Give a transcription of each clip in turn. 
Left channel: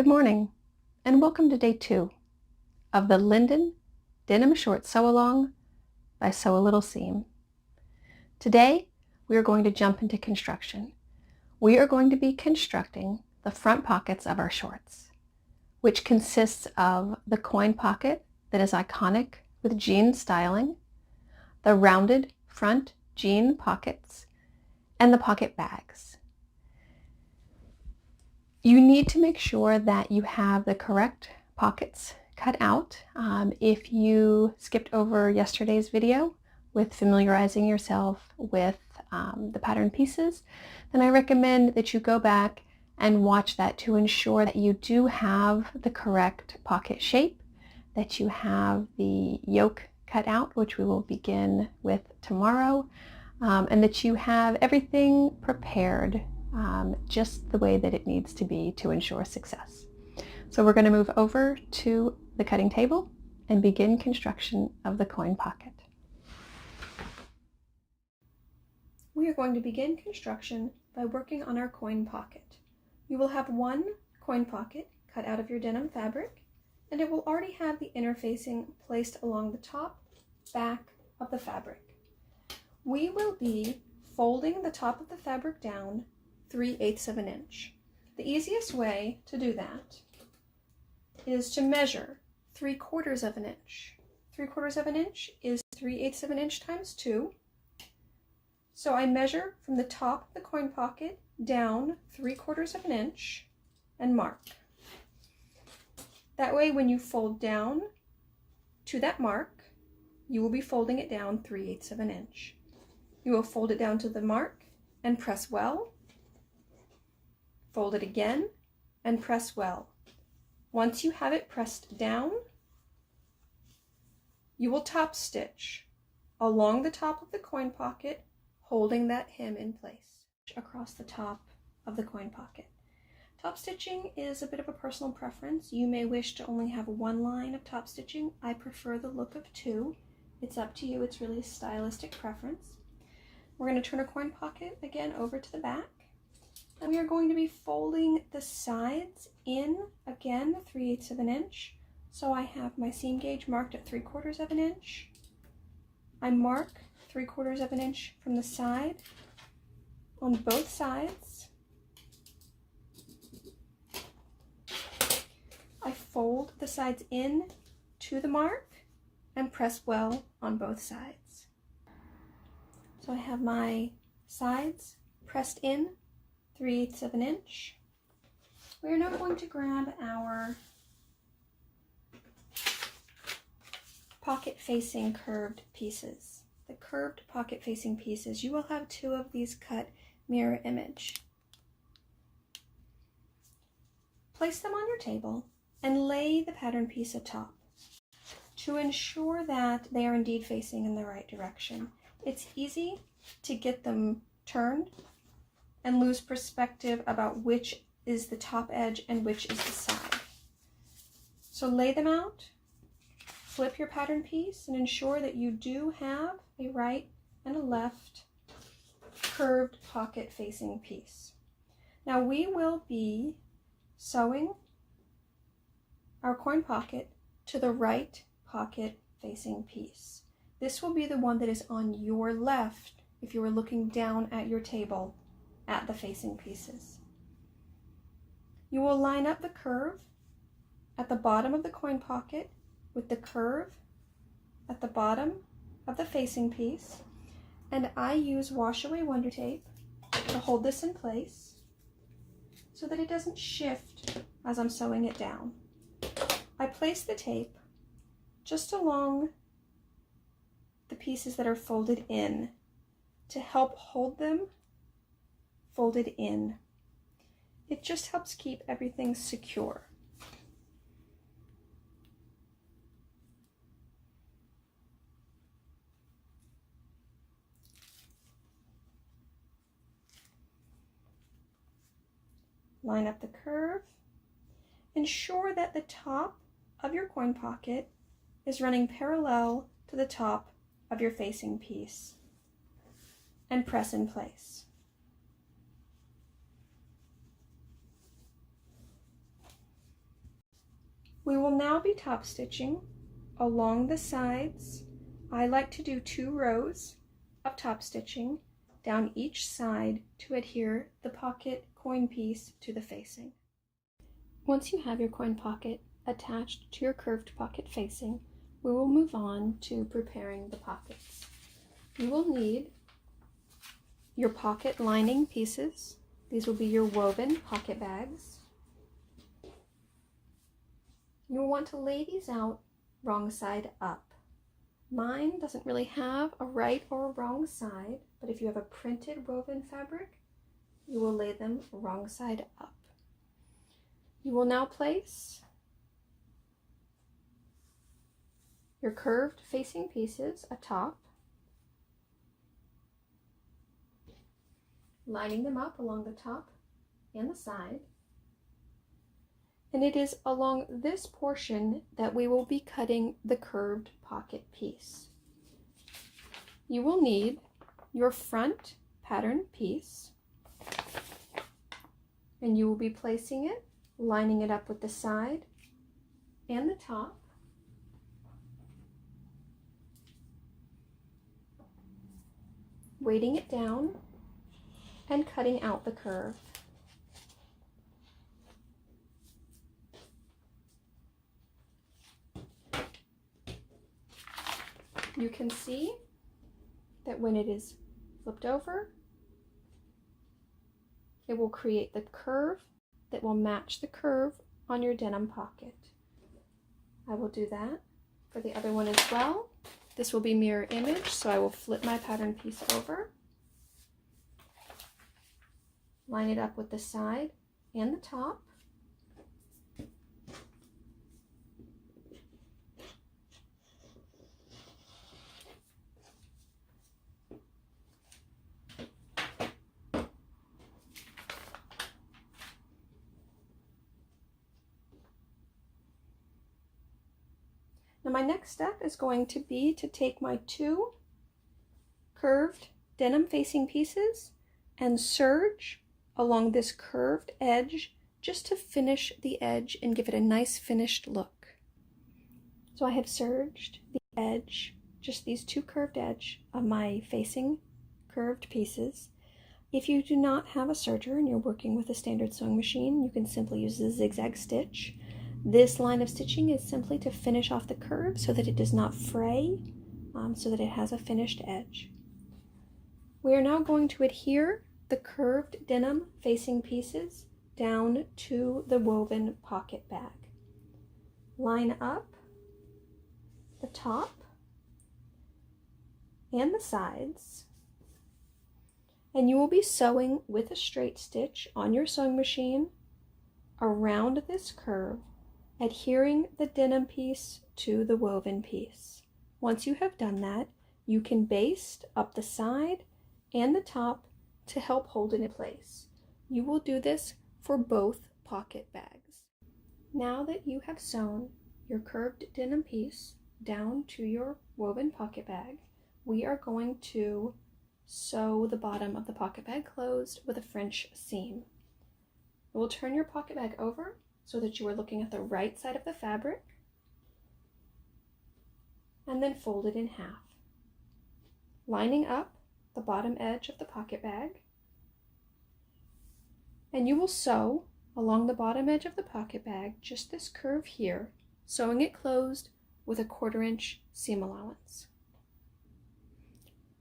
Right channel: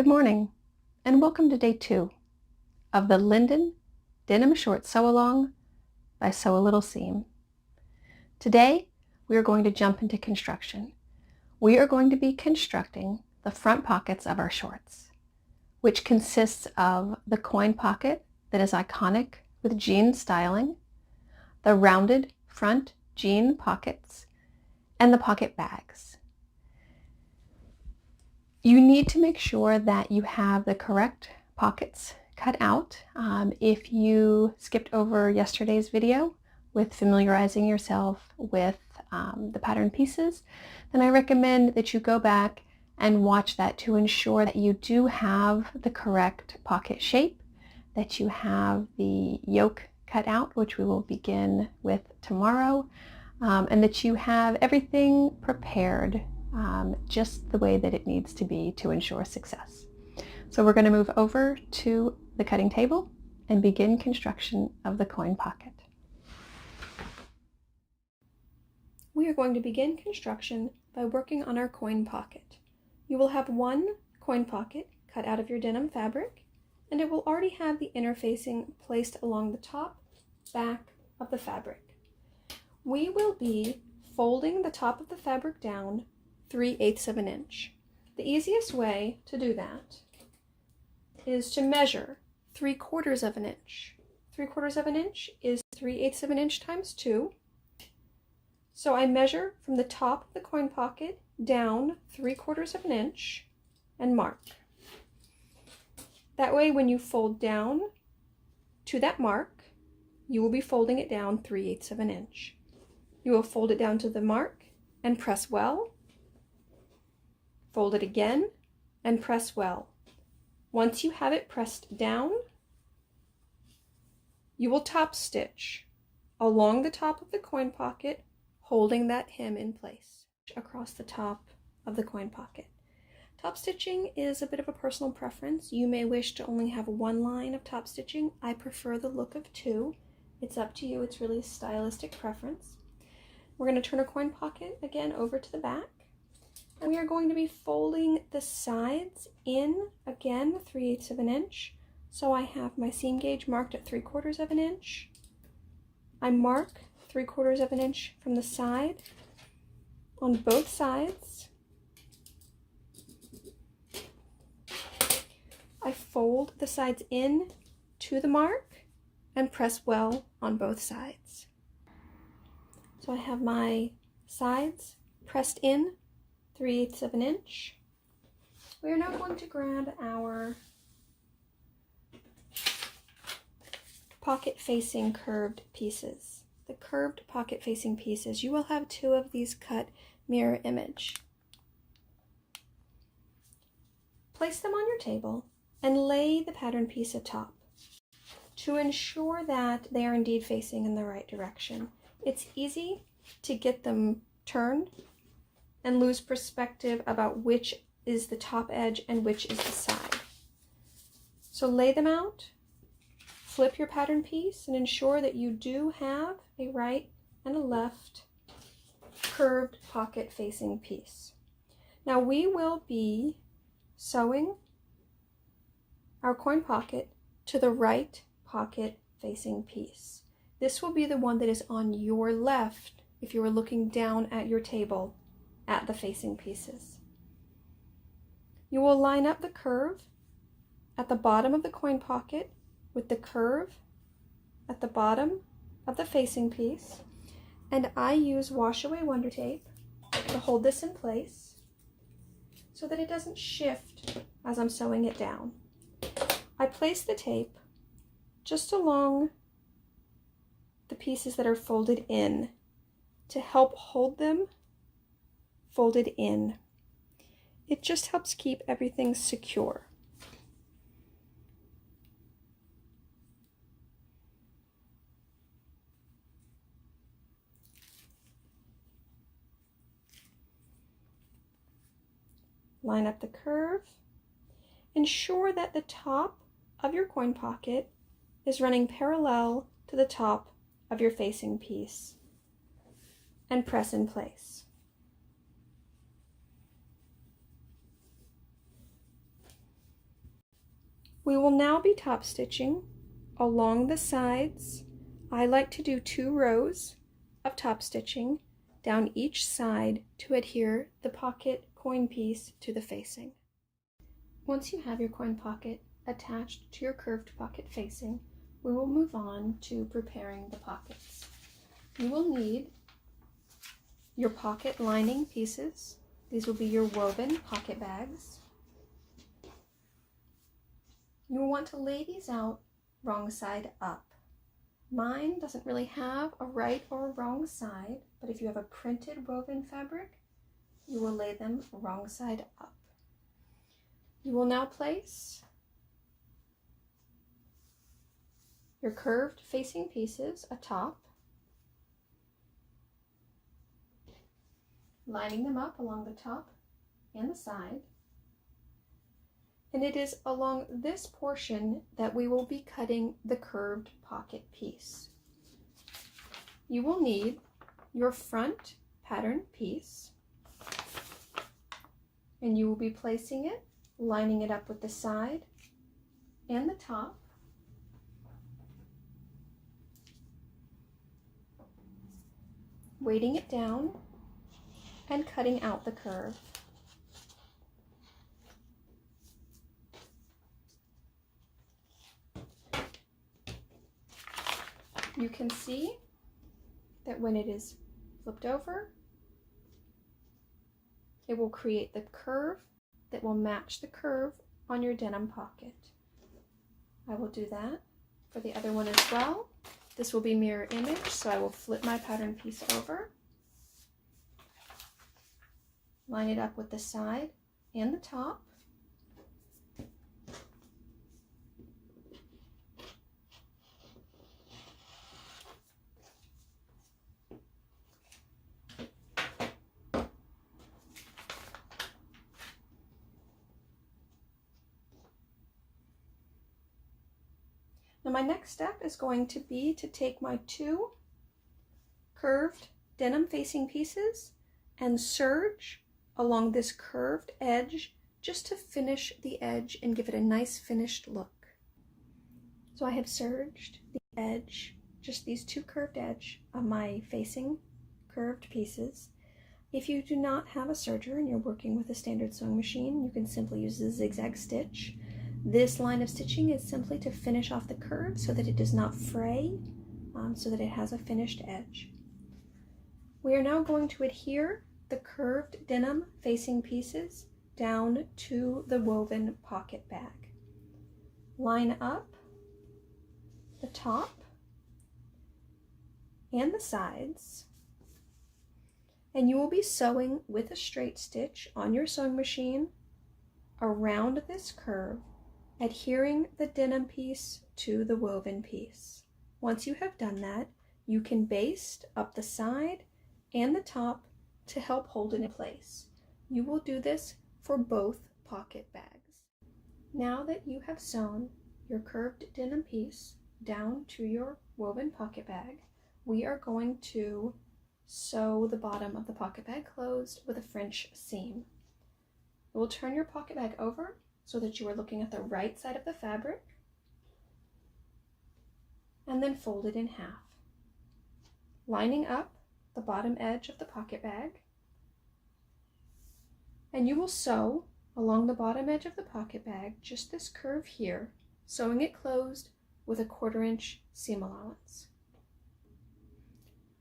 Good morning, and welcome to day 2 of the Linden Denim Short Sew-Along by Sew a Little Seam. Today, we are going to jump into construction. We are going to be constructing the front pockets of our shorts, which consists of the coin pocket that is iconic with jean styling, the rounded front jean pockets, and the pocket bags. You need to make sure that you have the correct pockets cut out. If you skipped over yesterday's video with familiarizing yourself with the pattern pieces, then I recommend that you go back and watch that to ensure that you do have the correct pocket shape, that you have the yoke cut out, which we will begin with tomorrow, and that you have everything prepared just the way that it needs to be to ensure success. So we're going to move over to the cutting table and begin construction of the coin pocket. We are going to begin construction by working on our coin pocket. You will have one coin pocket cut out of your denim fabric, and it will already have the interfacing placed along the top, back of the fabric. We will be folding the top of the fabric down 3/8 of an inch. The easiest way to do that is to measure 3/4 of an inch. 3/4 of an inch is 3/8 of an inch times 2. So I measure from the top of the coin pocket down 3/4 of an inch and mark. That way when you fold down to that mark, you will be folding it down 3/8 of an inch. You will fold it down to the mark and press well. Fold it again and press well. Once you have it pressed down, you will top stitch along the top of the coin pocket, holding that hem in place across the top of the coin pocket. Top stitching is a bit of a personal preference. You may wish to only have one line of top stitching. I prefer the look of 2. It's up to you. It's really a stylistic preference. We're going to turn our coin pocket again over to the back. And we are going to be folding the sides in, again, 3/8 of an inch. So I have my seam gauge marked at 3/4 of an inch. I mark 3/4 of an inch from the side on both sides. I fold the sides in to the mark and press well on both sides. So I have my sides pressed in 3/8 of an inch. We are now going to grab our pocket facing curved pieces. The curved pocket facing pieces, you will have 2 of these cut mirror image. Place them on your table and lay the pattern piece atop to ensure that they are indeed facing in the right direction. It's easy to get them turned and lose perspective about which is the top edge and which is the side. So lay them out, flip your pattern piece, and ensure that you do have a right and a left curved pocket facing piece. Now we will be sewing our coin pocket to the right pocket facing piece. This will be the one that is on your left if you were looking down at your table at the facing pieces. You will line up the curve at the bottom of the coin pocket with the curve at the bottom of the facing piece, and I use wash away wonder tape to hold this in place so that it doesn't shift as I'm sewing it down. I place the tape just along the pieces that are folded in to help hold them folded in. It just helps keep everything secure. Line up the curve. Ensure that the top of your coin pocket is running parallel to the top of your facing piece and press in place. We will now be top stitching along the sides. I like to do 2 rows of top stitching down each side to adhere the pocket coin piece to the facing. Once you have your coin pocket attached to your curved pocket facing, we will move on to preparing the pockets. You will need your pocket lining pieces. These will be your woven pocket bags. You will want to lay these out wrong side up. Mine doesn't really have a right or a wrong side, but if you have a printed woven fabric, you will lay them wrong side up. You will now place your curved facing pieces atop, lining them up along the top and the side. And it is along this portion that we will be cutting the curved pocket piece. You will need your front pattern piece, and you will be placing it, lining it up with the side and the top. Weighting it down and cutting out the curve. You can see that when it is flipped over, it will create the curve that will match the curve on your denim pocket. I will do that for the other one as well. This will be mirror image, so I will flip my pattern piece over, line it up with the side and the top, Now my next step is going to be to take my 2 curved denim facing pieces and serge along this curved edge just to finish the edge and give it a nice finished look. So I have serged the edge, just these 2 curved edge of my facing curved pieces. If you do not have a serger and you're working with a standard sewing machine, you can simply use the zigzag stitch. This line of stitching is simply to finish off the curve so that it does not fray, so that it has a finished edge. We are now going to adhere the curved denim facing pieces down to the woven pocket bag. Line up the top and the sides, and you will be sewing with a straight stitch on your sewing machine around this curve, adhering the denim piece to the woven piece. Once you have done that, you can baste up the side and the top to help hold it in place. You will do this for both pocket bags. Now that you have sewn your curved denim piece down to your woven pocket bag, we are going to sew the bottom of the pocket bag closed with a French seam. You will turn your pocket bag over so that you are looking at the right side of the fabric, and then fold it in half, lining up the bottom edge of the pocket bag, and you will sew along the bottom edge of the pocket bag just this curve here, sewing it closed with a 1/4 inch seam allowance.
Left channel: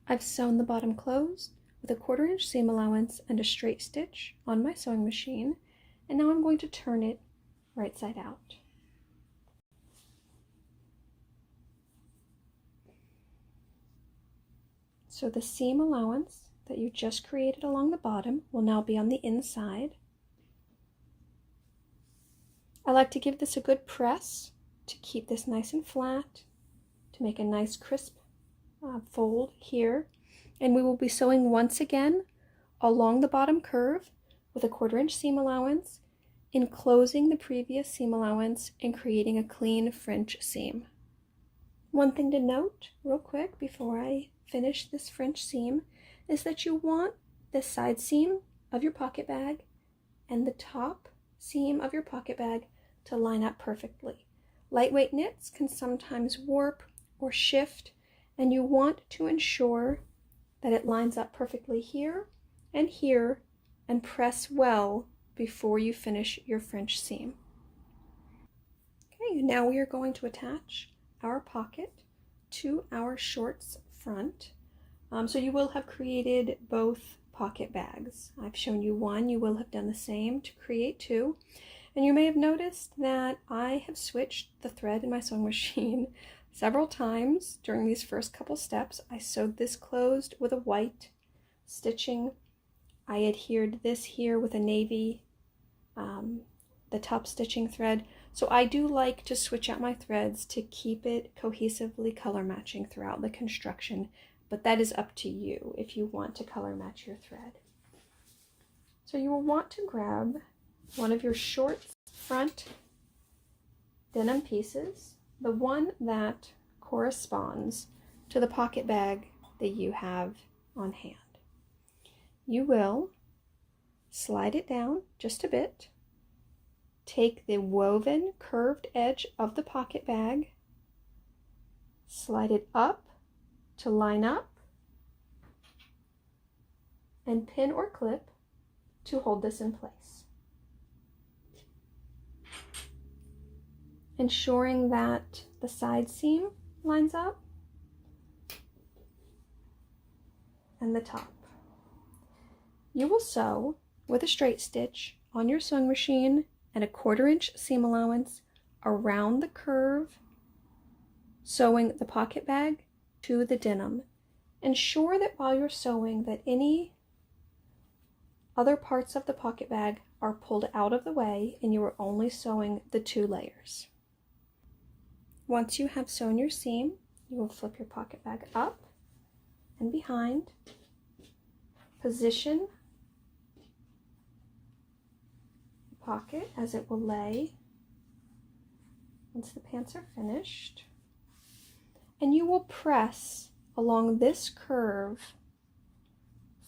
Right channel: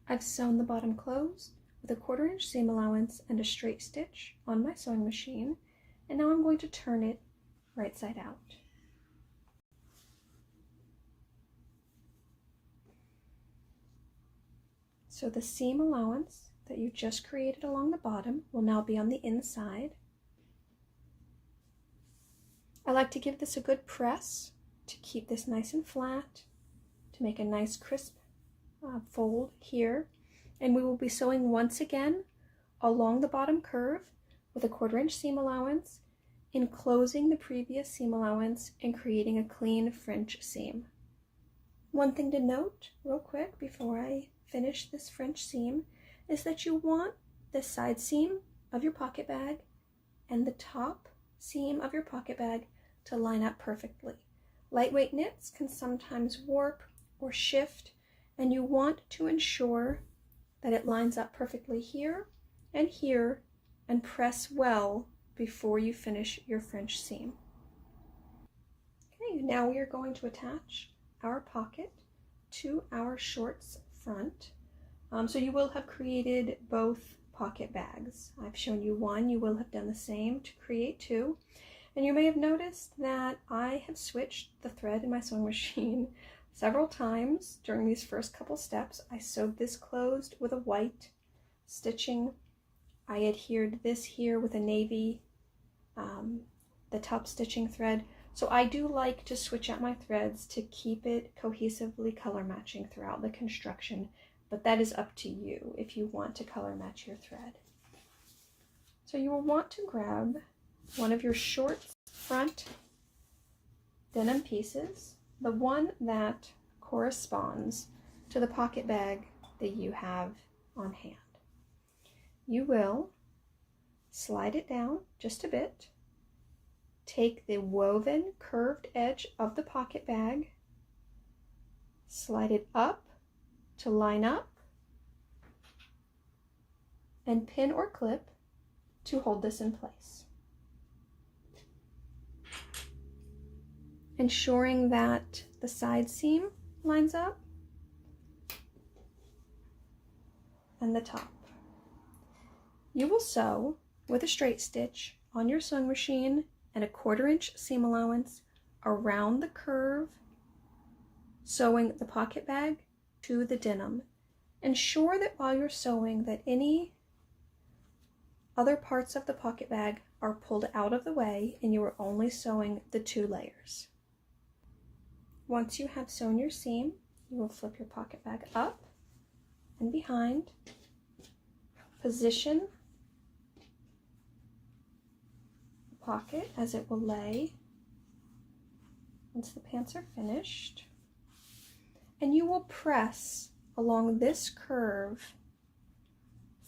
I've sewn the bottom closed with a 1/4 inch seam allowance and a straight stitch on my sewing machine, and now I'm going to turn it right side out. So the seam allowance that you just created along the bottom will now be on the inside. I like to give this a good press to keep this nice and flat, to make a nice crisp fold here. And we will be sewing once again along the bottom curve with a 1/4 inch seam allowance, enclosing the previous seam allowance and creating a clean French seam. One thing to note real quick before I finish this French seam is that you want the side seam of your pocket bag and the top seam of your pocket bag to line up perfectly. Lightweight knits can sometimes warp or shift, and you want to ensure that it lines up perfectly here and press well before you finish your French seam. Okay, now we are going to attach our pocket to our shorts front. So you will have created both pocket bags. I've shown you one, you will have done the same to create two. And you may have noticed that I have switched the thread in my sewing machine several times during these first couple steps. I sewed this closed with a white stitching. I adhered this here with a navy, the top stitching thread. So I do like to switch out my threads to keep it cohesively color matching throughout the construction, but that is up to you if you want to color match your thread. So you will want to grab one of your short front denim pieces, the one that corresponds to the pocket bag that you have on hand. You will slide it down just a bit, take the woven curved edge of the pocket bag, slide it up to line up, and pin or clip to hold this in place. Ensuring that the side seam lines up and the top. You will sew with a straight stitch on your sewing machine and a 1/4 inch seam allowance around the curve, sewing the pocket bag to the denim. Ensure that while you're sewing that any other parts of the pocket bag are pulled out of the way and you are only sewing the 2 layers. Once you have sewn your seam, you will flip your pocket bag up and behind, position the pocket as it will lay once the pants are finished, and you will press along this curve,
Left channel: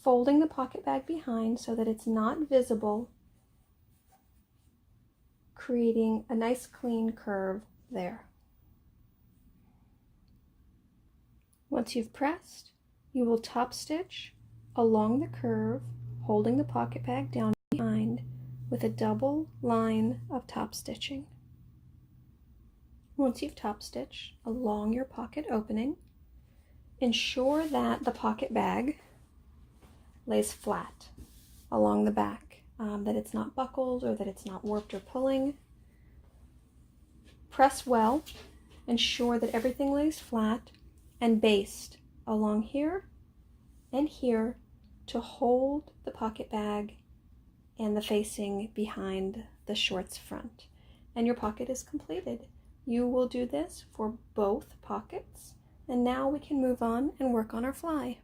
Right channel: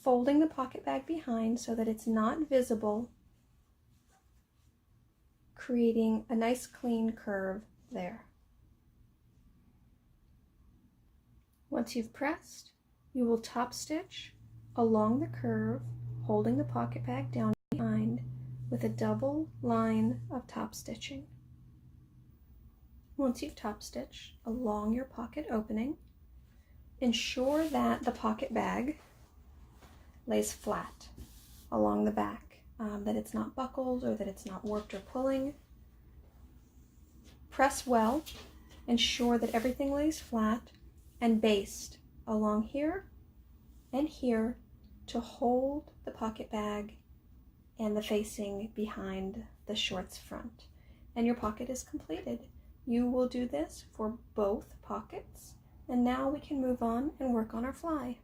folding the pocket bag behind so that it's not visible, creating a nice clean curve there. Once you've pressed, you will top stitch along the curve, holding the pocket bag down behind with a double line of top stitching. Once you've top stitched along your pocket opening, ensure that the pocket bag lays flat along the back, that it's not buckled or that it's not warped or pulling. Press well, ensure that everything lays flat and based along here and here to hold the pocket bag and the facing behind the shorts front. And your pocket is completed. You will do this for both pockets. And now we can move on and work on our fly.